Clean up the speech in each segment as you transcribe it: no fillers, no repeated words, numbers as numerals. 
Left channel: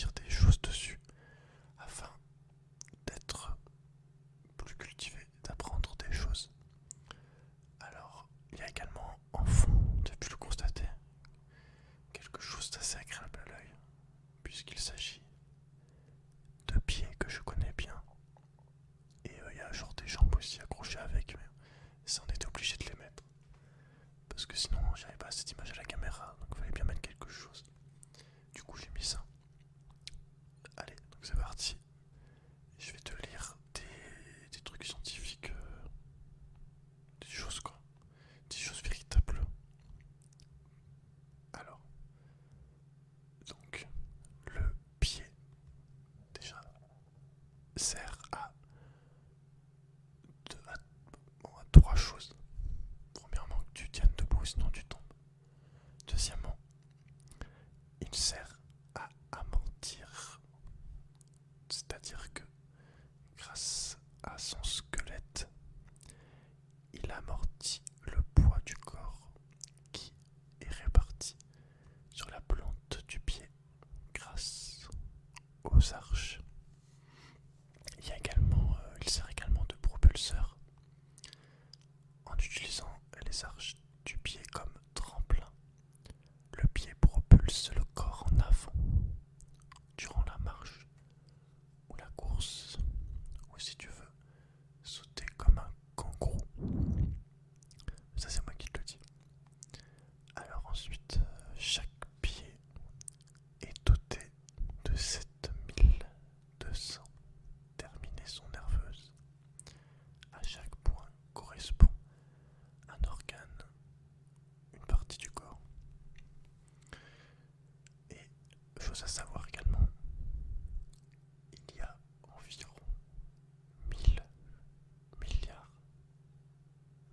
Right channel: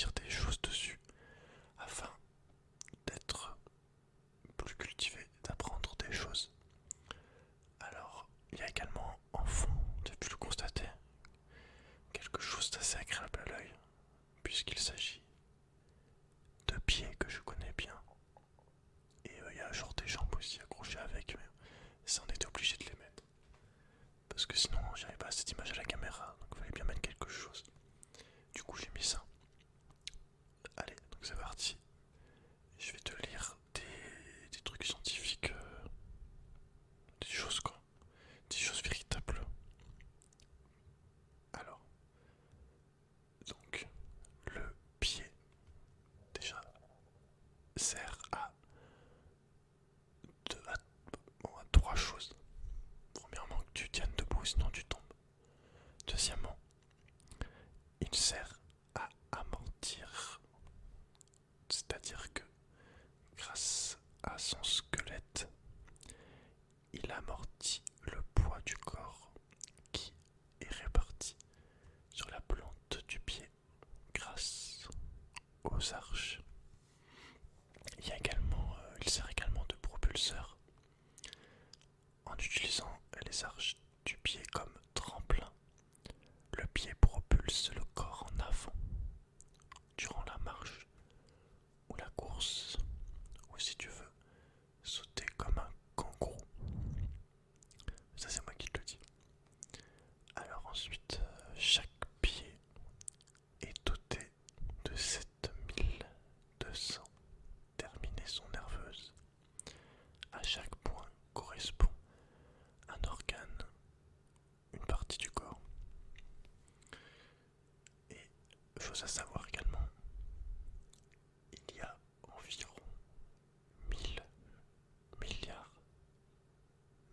dire des choses dessus afin d'être plus cultivé, d'apprendre des choses. Alors, il y a également en fond, tu as pu le constater, quelque chose d'assez agréable à l'œil, puisqu'il s'agit de pieds que je connais bien. Et il y a genre des jambes aussi accrochées avec, mais ça on était obligé de les mettre. Parce que sinon j'avais pas assez d'image à la caméra, donc il fallait bien mettre quelque chose. Du coup j'ai mis ça. Allez, donc c'est parti. Je vais te lire des trucs scientifiques, des choses quoi, des choses véritables. Alors, donc, le pied, déjà, sert à trois choses. Premièrement, que tu tiennes debout, sinon tu tombes. Deuxièmement, il sert à amortir, c'est-à-dire que grâce à son squelette, il amortit le poids du corps qui est réparti sur la plante du pied grâce aux arches. Il sert également de propulseur en utilisant les arches du pied comme tremplin. Le pied propulse le corps en avant durant la marche ou la course, ou si tu veux sauter comme un kangourou. Ça c'est moi qui te le dis. Alors ensuite, chaque pied est doté de 7200 terminaisons nerveuses. À chaque point correspond un organe, une partie du corps. Et chose à savoir également, il y a environ 1000 milliards,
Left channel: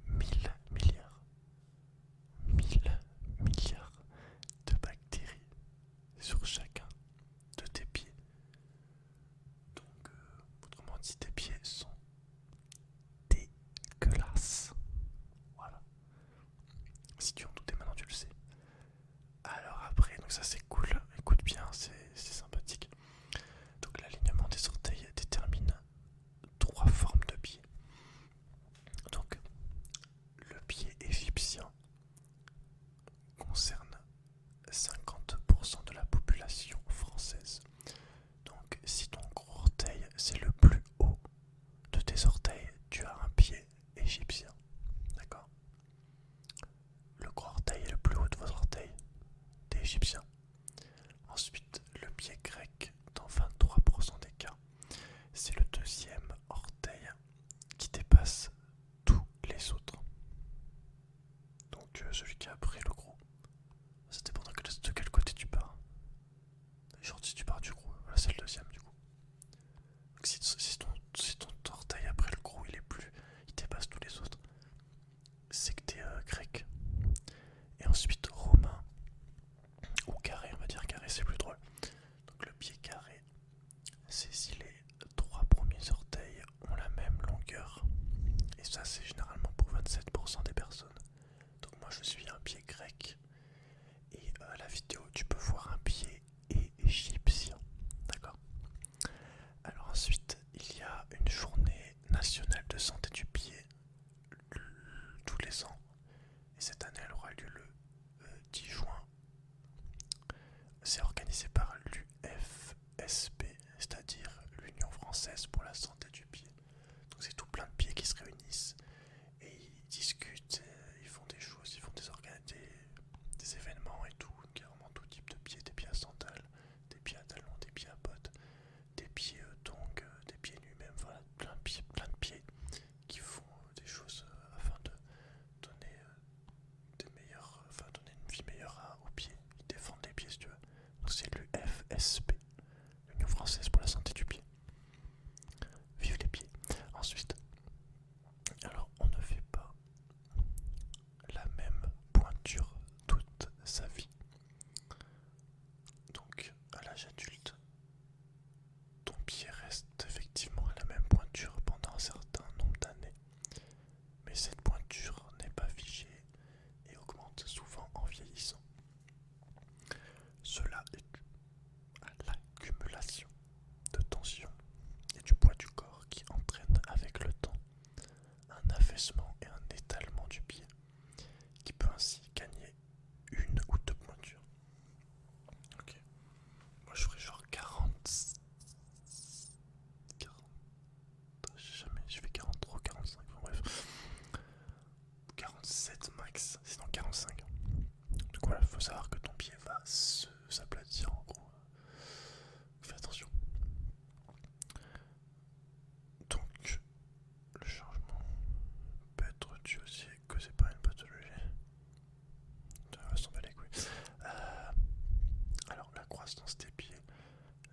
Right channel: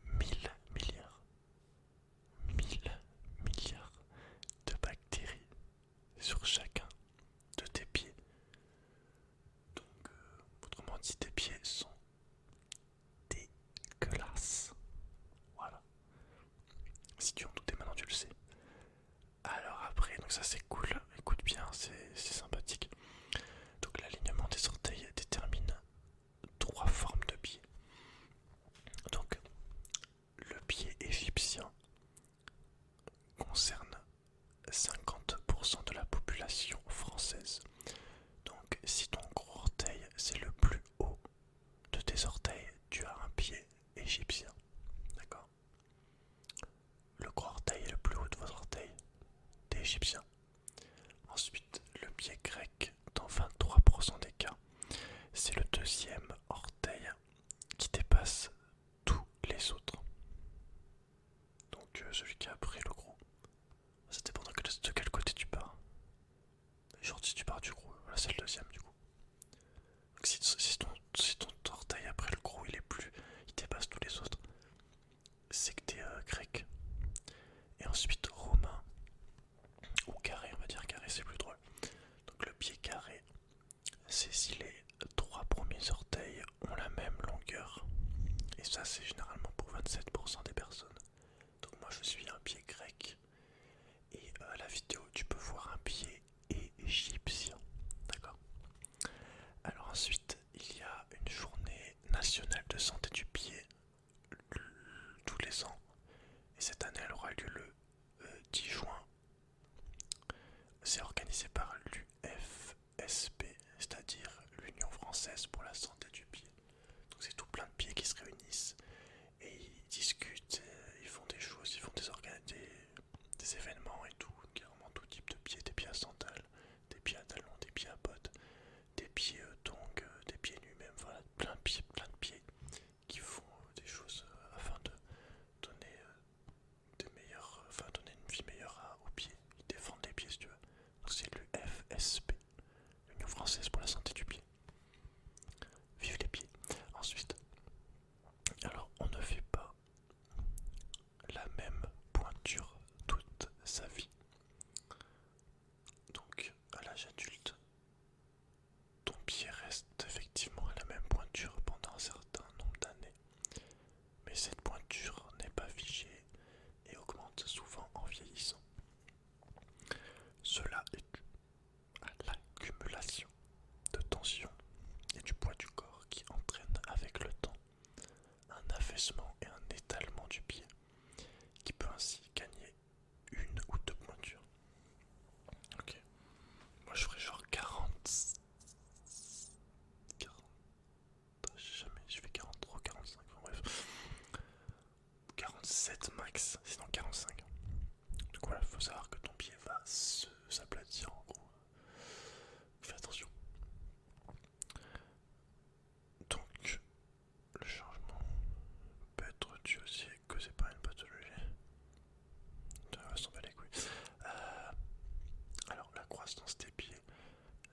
1000 milliards, 1000 milliards de bactéries sur chacun de tes pieds. Donc, autrement dit, tes pieds sont dégueulasses. Voilà. Si tu en doutais, maintenant tu le sais. Alors après, donc ça c'est cool, écoute bien, c'est sympathique. Donc l'alignement des orteils détermine trois formes de pieds. Donc le pied égyptien concerne 50% de la population française. Donc si ton gros orteil c'est le plus haut de tes orteils, tu as un pied égyptien. D'accord? Le gros orteil est le plus haut de vos orteils, t'es égyptien. Ensuite, le pied grec, dans 23% des cas, c'est le deuxième orteil qui dépasse tous les autres. Donc celui qui a pris le gros. Ça dépend de quel côté tu pars. Genre si tu pars du gros, là c'est le deuxième du coup. Donc si ton orteil après le gros il dépasse tous les autres, c'est que t'es grec. Et ensuite romain, ou carré, on va dire carré c'est plus drôle. Donc le pied carré, c'est si les trois premiers orteils ont la même longueur. Et ça c'est généralement pour 27% des personnes. Donc moi je suis un pied grec. Et à la vidéo tu peux voir un pied égyptien. D'accord?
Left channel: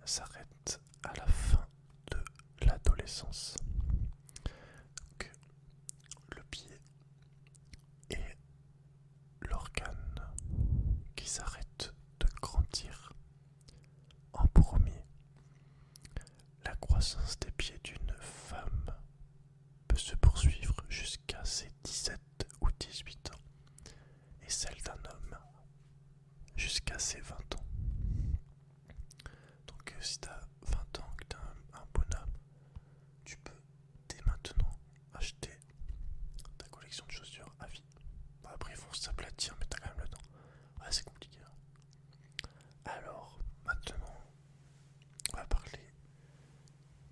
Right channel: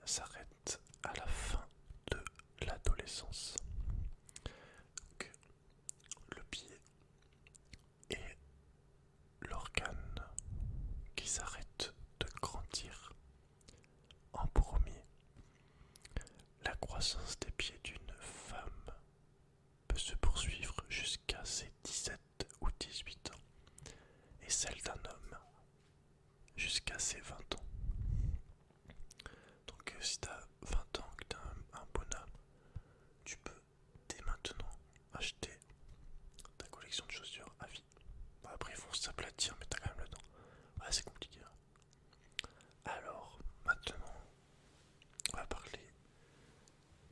s'arrête à la fin de l'adolescence. Donc, le pied est l'organe qui s'arrête de grandir en premier. La croissance des pieds d'une femme peut se poursuivre jusqu'à ses 17 ou 18 ans et celle d'un homme jusqu'à ses 20 ans. Donc si tu as 20 ans, que tu as un bonhomme, tu peux dès maintenant acheter ta collection de chaussures à vie. Bon, après ils vont s'aplatir mais tu as quand même le temps. Ouais, c'est compliqué. Alors maintenant on va parler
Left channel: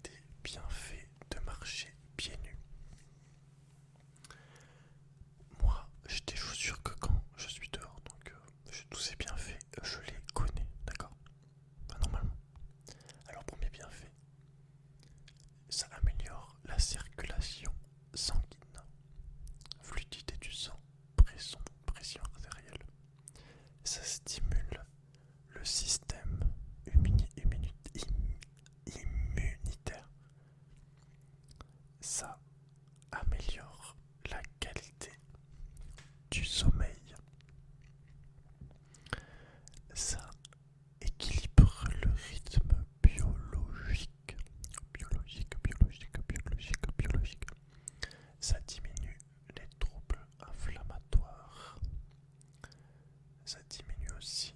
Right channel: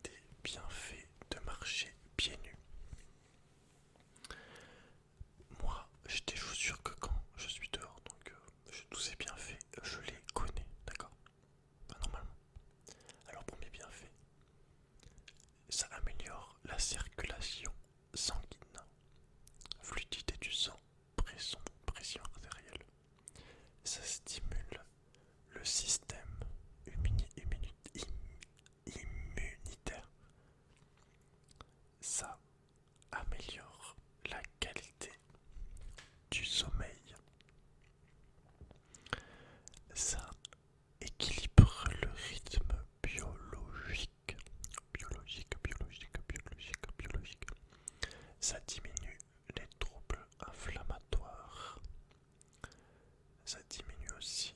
des bienfaits de marcher pieds nus. Moi, j'ai des chaussures que quand je suis dehors, donc tous ces bienfaits, je les connais, d'accord? Enfin, normalement. Alors, premier bienfait, ça améliore la circulation sanguine, fluidité du sang, pression artérielle. Ça stimule le système immunitaire. Ça améliore la qualité du sommeil. Ça équilibre le rythme biologique. Ça diminue les troubles inflammatoires. Ça diminue aussi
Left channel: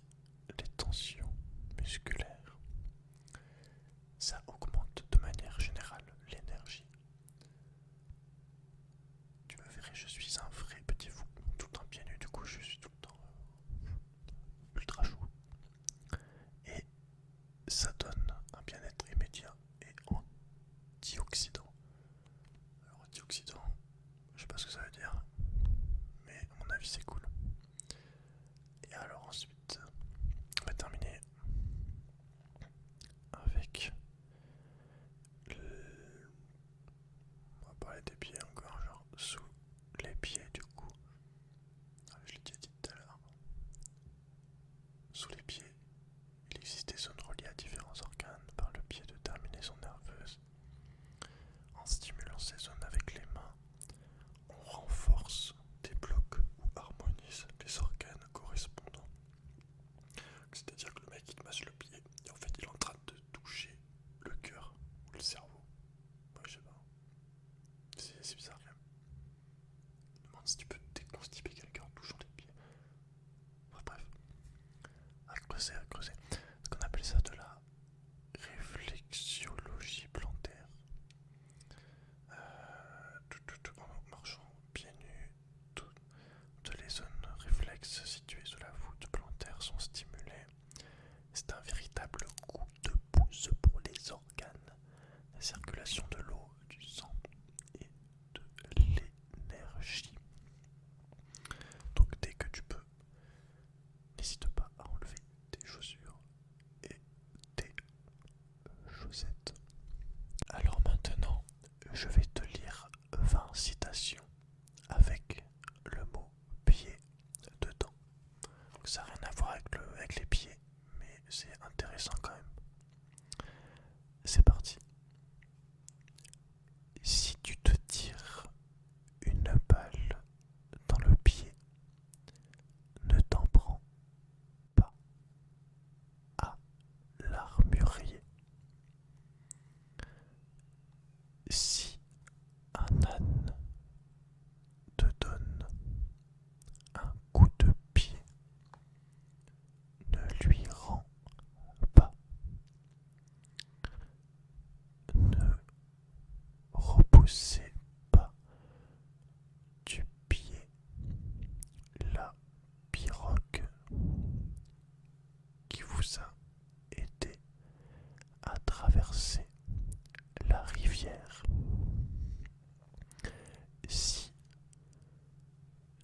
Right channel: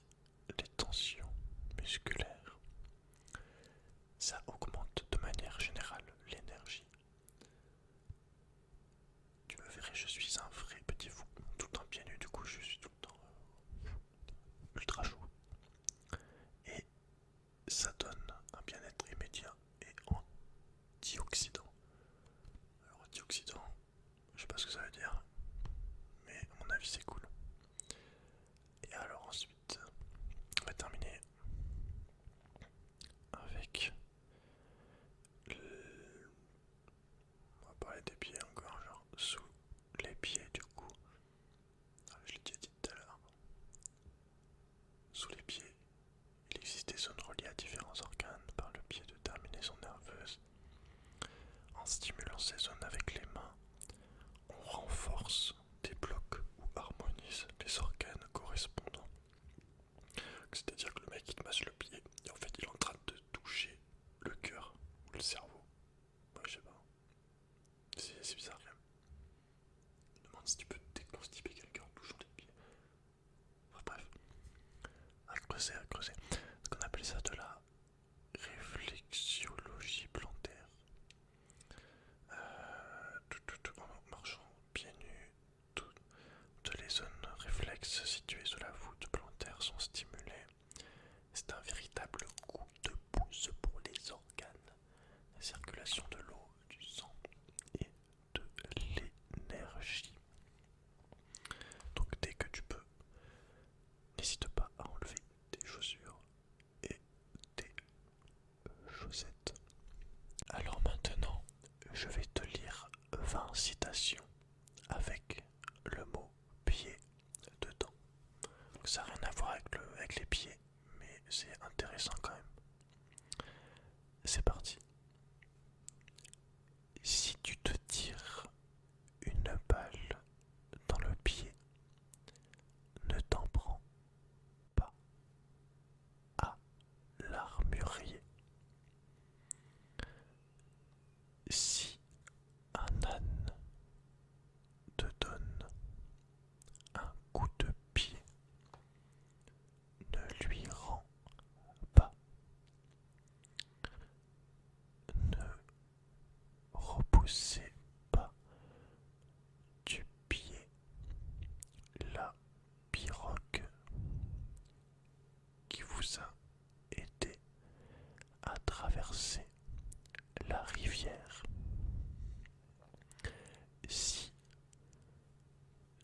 les tensions musculaires. Ça augmente de manière générale l'énergie. Tu me verrais, je suis un vrai petit fou, tout le temps pieds nus, du coup je suis tout le temps ultra chaud. Et ça donne un bien-être immédiat et antioxydant. Alors antioxydant, je sais pas ce que ça veut dire, mais à mon avis c'est cool. Et alors ensuite, on va terminer avec on va parler des pieds encore, genre sous les pieds du coup. Je l'ai déjà dit tout à l'heure. Sous les pieds, il existe des zones reliées à différents organes par le biais de terminaisons nerveuses. En stimulant ces zones avec les mains, on renforce, débloque ou harmonise les organes correspondants. C'est-à-dire que le mec il te masse le pied et en fait il est en train de toucher le cœur ou le cerveau. Ouais, je sais pas. C'est bizarre quand même. Je me demande si tu peux déconstiper quelqu'un en touchant les pieds. Enfin, bref. À creuser. Ce qu'on appelle ça de la réflexologie plantaire. En marchant pieds nus, toutes les zones réflexes situées sous la voûte plantaire sont stimulées. C'est un véritable coup de pouce pour les organes, la circulation de l'eau, du sang et de l'énergie. Donc dès que tu peux, n'hésite pas à enlever tes chaussures et tes chaussettes. Alors maintenant, je vais te lire 20 citations avec le mot pied dedans. Donc ça n'a rien à voir avec les pieds, mais c'est intéressant quand même. C'est parti. Si tu te tires une balle dans le pied, ne t'en prends pas à l'armurier. Si un âne te donne un coup de pied, ne lui rends pas. Ne repoussez pas du pied la pirogue qui vous a aidé à traverser la rivière. Si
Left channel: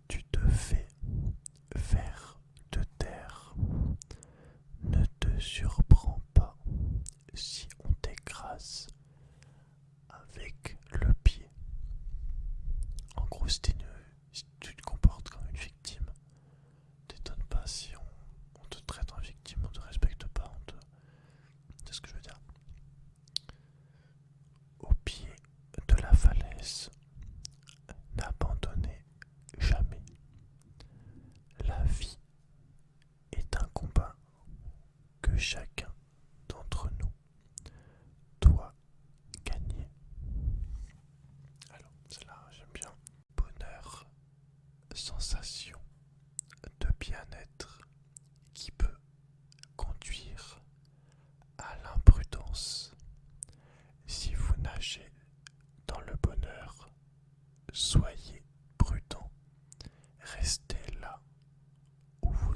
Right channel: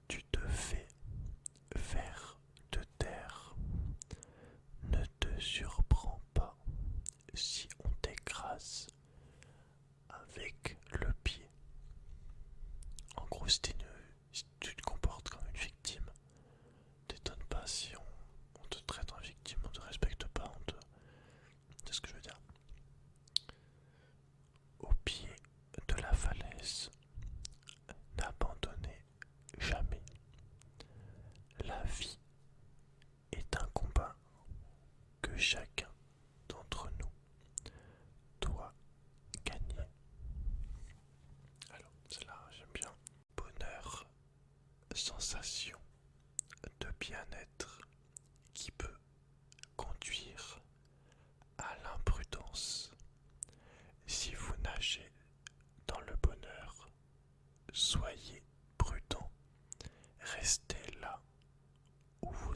tu te fais vers de terre, ne te surprends pas si on t'écrase avec le pied. En gros, si tu te comportes comme une victime, t'étonnes pas si on te traite en victime, on te respecte pas, c'est ce que je veux dire.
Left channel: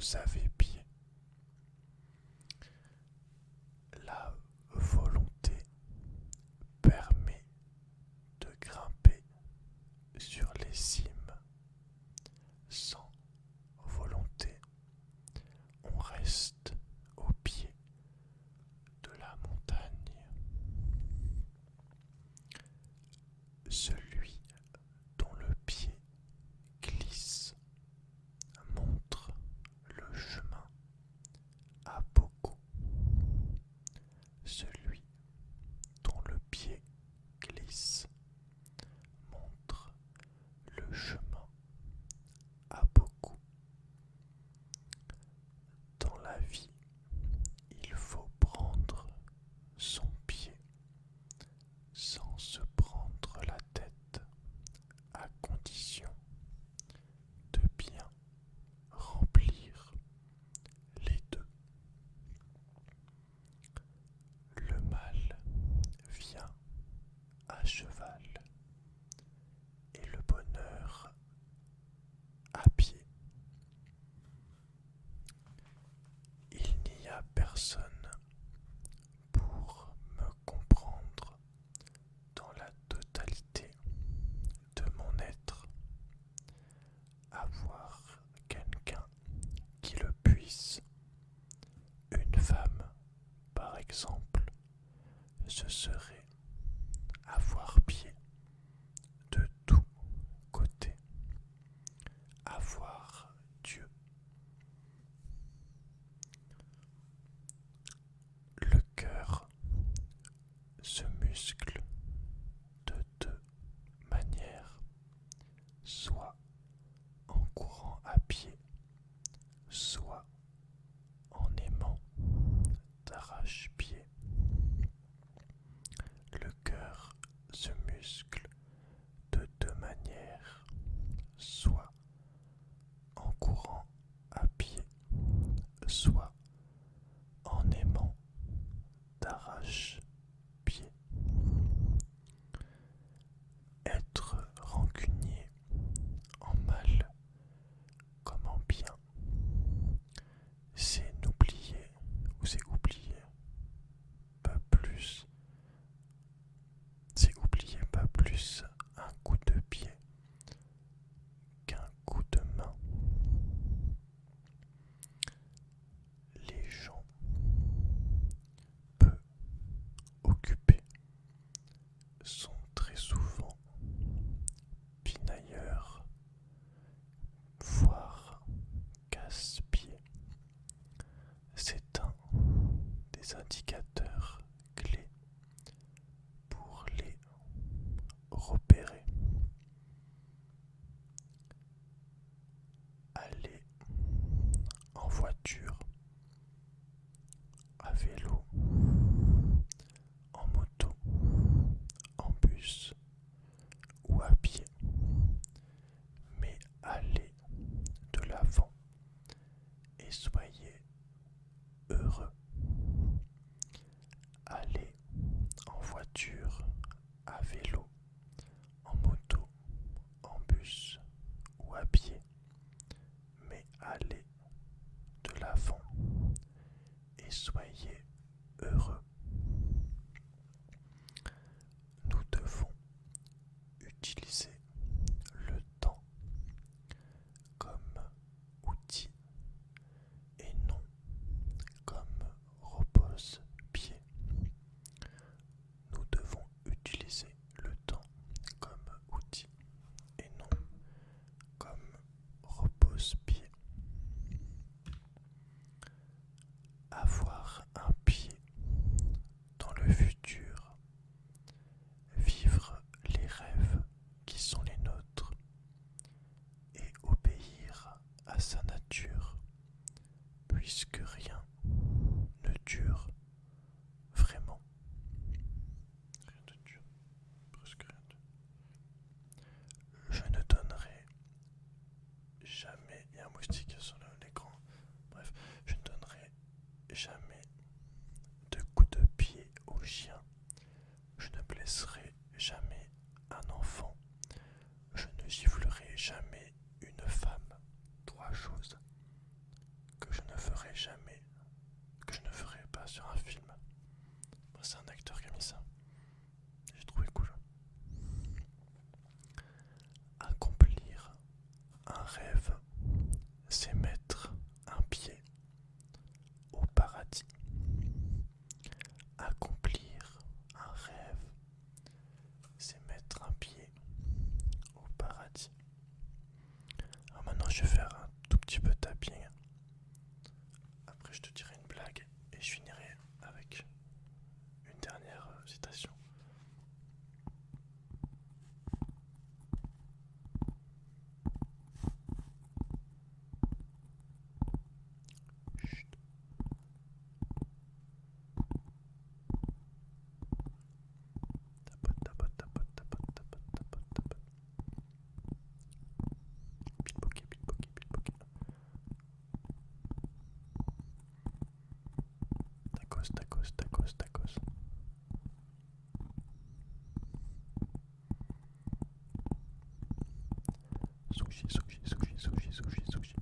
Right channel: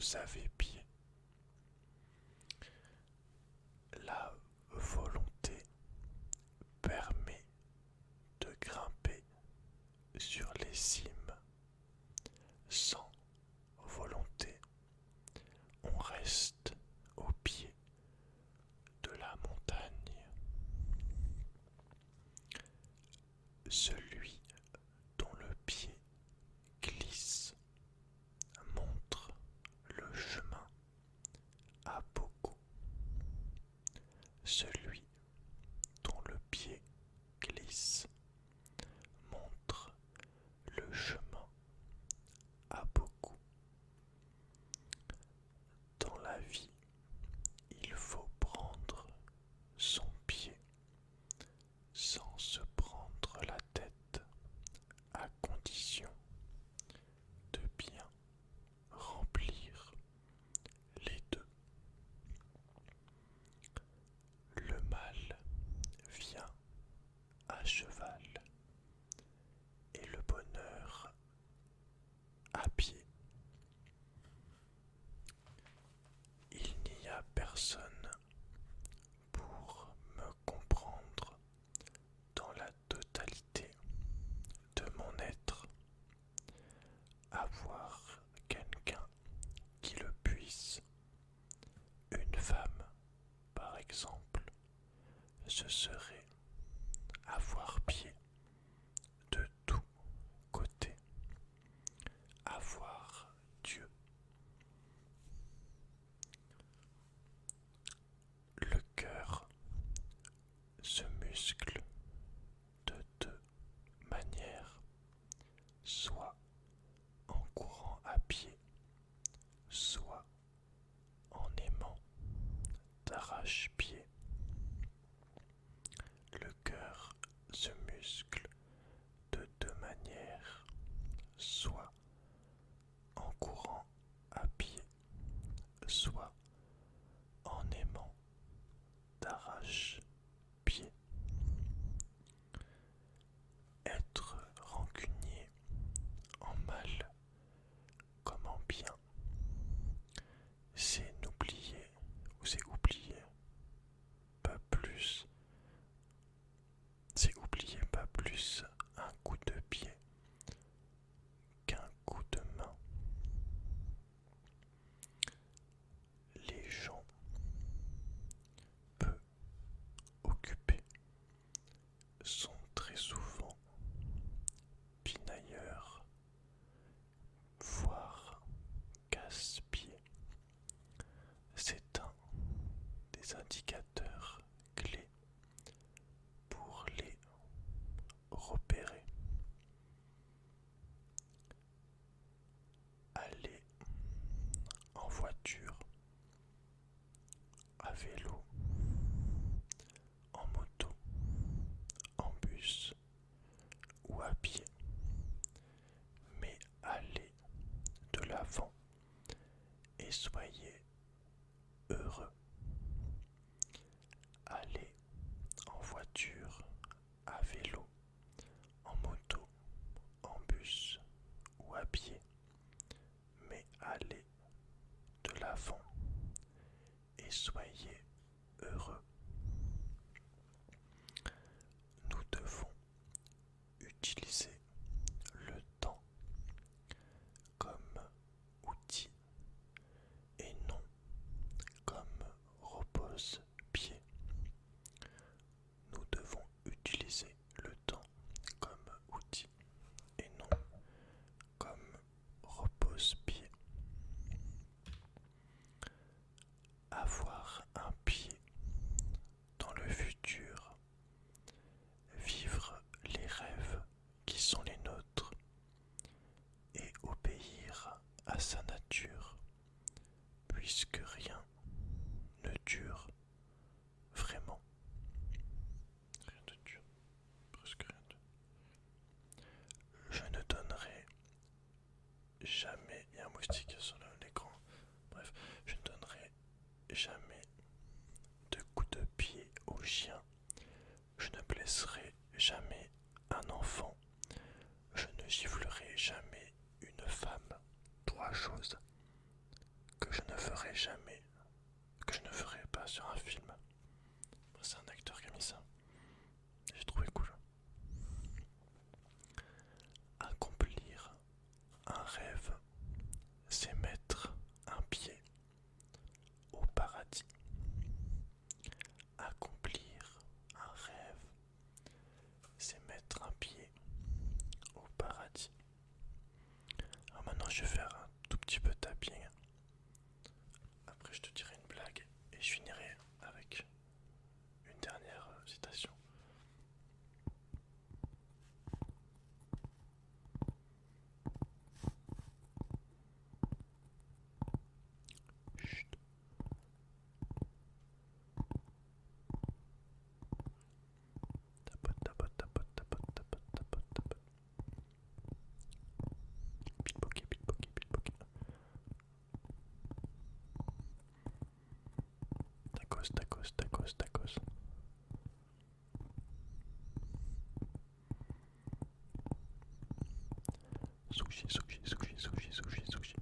vous avez pied. La volonté permet de grimper sur les cimes. Sans volonté, on reste au pied de la montagne. Celui dont le pied glisse montre le chemin à beaucoup. Celui dont le pied glisse montre le chemin à beaucoup. Dans la vie, il faut prendre son pied sans se prendre la tête, à condition de bien remplir les deux. Le mal vient à cheval et le bonheur à pied. Il n'y a personne pour me comprendre dans la totalité de mon être. Avoir quelqu'un qui le puisse, une femme par exemple, ce serait avoir pied de tous côtés, avoir Dieu. Le cœur se muscle de deux manières, soit en courant à pied, soit en aimant d'arrache-pied. Le cœur se muscle de deux manières, soit en courant à pied, soit en aimant d'arrache-pied. Être rancunier en mal comme en bien, c'est n'oublier ou c'est oublier pas plus. C'est oublier pas plus un coup de pied qu'un coup de main. Les gens peu occupés sont très souvent pinailleurs, voire casse-pieds. C'est un des indicateurs clés pour les repérer. Aller en voiture, à vélo, en moto, en bus ou à pied, mais allez de l'avant et soyez heureux. Allez en voiture, à vélo, en moto, en bus ou à pied, mais allez de l'avant et soyez heureux. Nous devons utiliser le temps comme outil et non comme repose-pied. Nous devons utiliser le temps comme outil et non comme repose-pied. Avoir un pied dans le futur, vivre les rêves qui sont les nôtres et obéir à sa nature, puisque rien ne dure vraiment. Rien ne dure, presque rien ne. Je ne donnerai jamais, il y a un moustique sur l'écran, bref, je ne donnerai jamais de coups de pied au chien. Je ne blesserai jamais un enfant. Je ne giflerai jamais une femme. Trois choses que je ne ferai jamais, que je ne ferai pas sur un film. C'est un acteur qui a mis ça. J'ai trouvé cool. Accomplir un rêve, c'est mettre un pied au paradis. Accomplir un rêve, c'est mettre un pied au paradis. Alors maintenant, je vais faire un tout petit peu de tapping. Après, je te dirai une blague et je finirai avec une dernière citation. Chut. Tapote, tapote, tapote, tapote, tapote, tapote, tapote. Pickpocket, pickpocket, pickpocket. Tacos, tacos, tacos, tacos. Sushi, sushi, sushi, sushi, sushi, sushi.